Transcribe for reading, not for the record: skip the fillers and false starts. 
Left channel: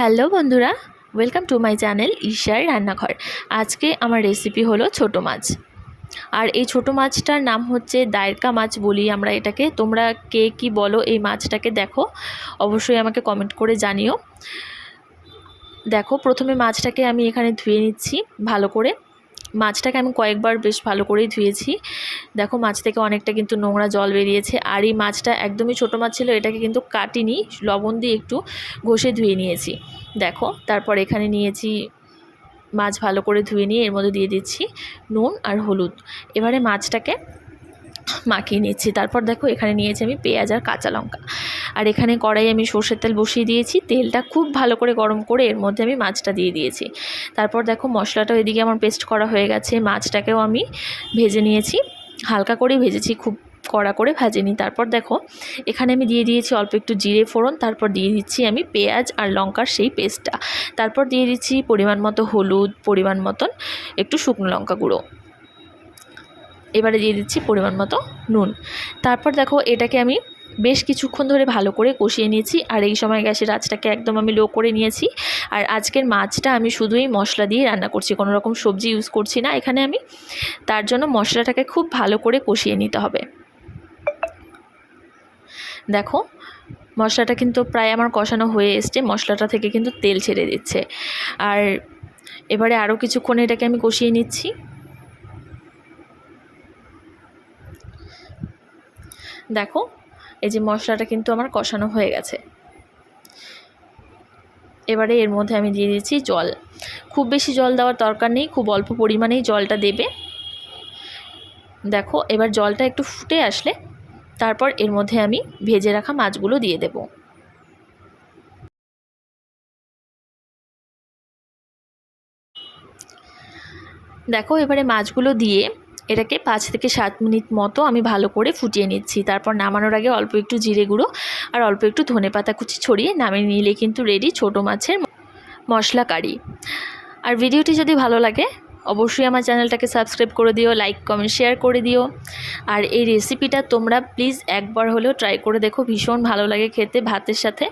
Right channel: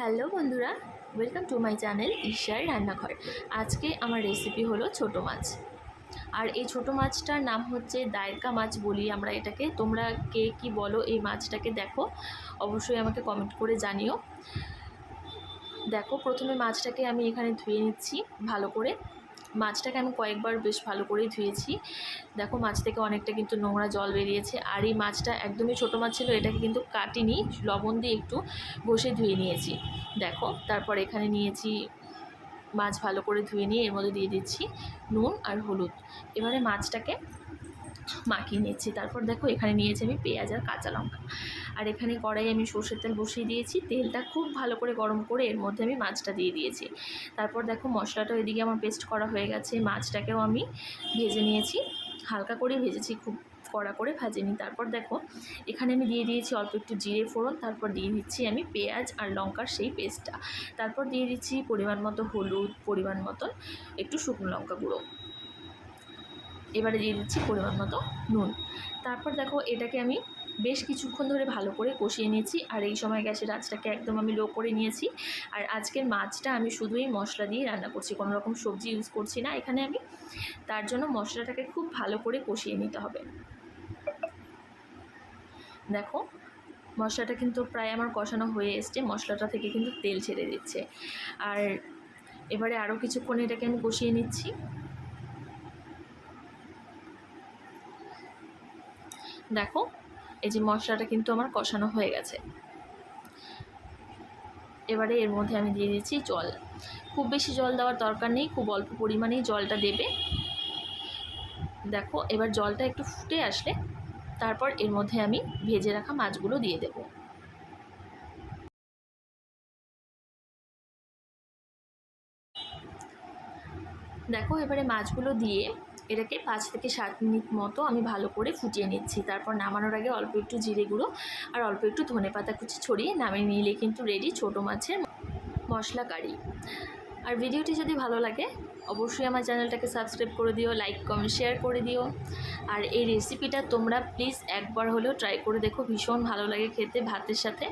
Hello বন্ধুরা, welcome to my channel ঈশার রান্নাঘর। আজকে আমার রেসিপি হলো ছোটো মাছ। আর এই ছোটো মাছটার নাম হচ্ছে দায়রকা মাছ বলি আমরা এটাকে। তোমরা কে কী বলো এই মাছটাকে দেখো, অবশ্যই আমাকে কমেন্ট করে জানিও। দেখো, প্রথমে মাছটাকে আমি এখানে ধুয়ে নিচ্ছি ভালো করে। মাছটাকে আমি কয়েকবার বেশ ভালো করেই ধুয়েছি। দেখো, মাছ থেকে অনেকটা কিন্তু নোংরা জল বেরিয়েছে। আর এই মাছটা একদমই ছোটো মাছ ছিল, এটাকে কিন্তু কাটিনি, লবণ দিয়ে একটু ঘষে ধুয়ে নিয়েছি। দেখো, তারপর এখানে নিয়েছি মাছ, ভালো করে ধুয়ে নিয়ে এর মধ্যে দিয়ে দিচ্ছি নুন আর হলুদ। এবারে মাছটাকে মাখিয়ে নিচ্ছি। তারপর দেখো, এখানে নিয়েছি আমি পেঁয়াজ আর কাঁচা লঙ্কা। আর এখানে কড়াই আমি সর্ষের তেল বসিয়ে দিয়েছি। তেলটা খুব ভালো করে গরম করে এর মধ্যে আমি মাছটা দিয়ে দিয়েছি। তারপর দেখো, মশলাটাও এদিকে আমার পেস্ট করা হয়ে গেছে। মাছটাকেও আমি ভেজে নিয়েছি, হালকা করেই ভেজেছি, খুব কড়া করে ভাজিনি। তারপর দেখো, এখানে আমি দিয়ে দিয়েছি অল্প একটু জিরে ফোড়ন। তারপর দিয়ে দিচ্ছি আমি পেঁয়াজ আর লঙ্কার সেই পেস্টটা। তারপর দিয়ে দিচ্ছি পরিমাণ মতো হলুদ, পরিমাণ মতন একটু শুকনো লঙ্কা গুঁড়ো। এবারে দিয়ে দিচ্ছি পরিমাণ মতো নুন। তারপর দেখো, এটাকে আমি বেশ কিছুক্ষণ ধরে ভালো করে কষিয়ে নিয়েছি। আর এই সময় গ্যাসের আঁচটাকে একদম আমি লো করে নিয়েছি। আর আজকের মাছটা আমি শুধুই মশলা দিয়ে রান্না করছি, কোনো রকম সবজি ইউজ করছি না এখানে আমি। তার জন্য মশলাটাকে খুব ভালো করে কষিয়ে নিতে হবে। দেখো, মশলাটা কিন্তু প্রায় আমার কষানো হয়ে এসছে, মশলাটা থেকে কিন্তু তেল ছেড়ে দিচ্ছে। আর এবারে আরও কিছুক্ষণ এটাকে আমি কষিয়ে নিচ্ছি। দেখো, এই যে মশলাটা কিন্তু আমার কষানো হয়ে গেছে। এবারে এর মধ্যে আমি দিয়ে দিচ্ছি জল। খুব বেশি জল দেওয়ার দরকার নেই, খুব অল্প পরিমাণেই জলটা দেবে। দেখো, এবার জলটা একটু ফুটে আসলে তারপর এর মধ্যে আমি ভেজে রাখা মাছগুলো দিয়ে দেব। দেখো, এবারে মাছগুলো দিয়ে এটাকে 5 থেকে 7 মিনিট মতো আমি ভালো করে ফুটিয়ে নিচ্ছি। তারপর নামানোর আগে অল্প একটু জিরে গুঁড়ো আর অল্প একটু ধনেপাতা কুচি ছড়িয়ে নামিয়ে নিলে কিন্তু রেডি ছোটো মাছের মশলা কারি। আর ভিডিওটি যদি ভালো লাগে অবশ্যই আমার চ্যানেলটাকে সাবস্ক্রাইব করে দিও, লাইক কমেন্ট শেয়ার করে দিও। আর এই রেসিপিটা তোমরা প্লিজ একবার হলেও ট্রাই করে দেখো, ভীষণ ভালো লাগে খেতে ভাতের সাথে।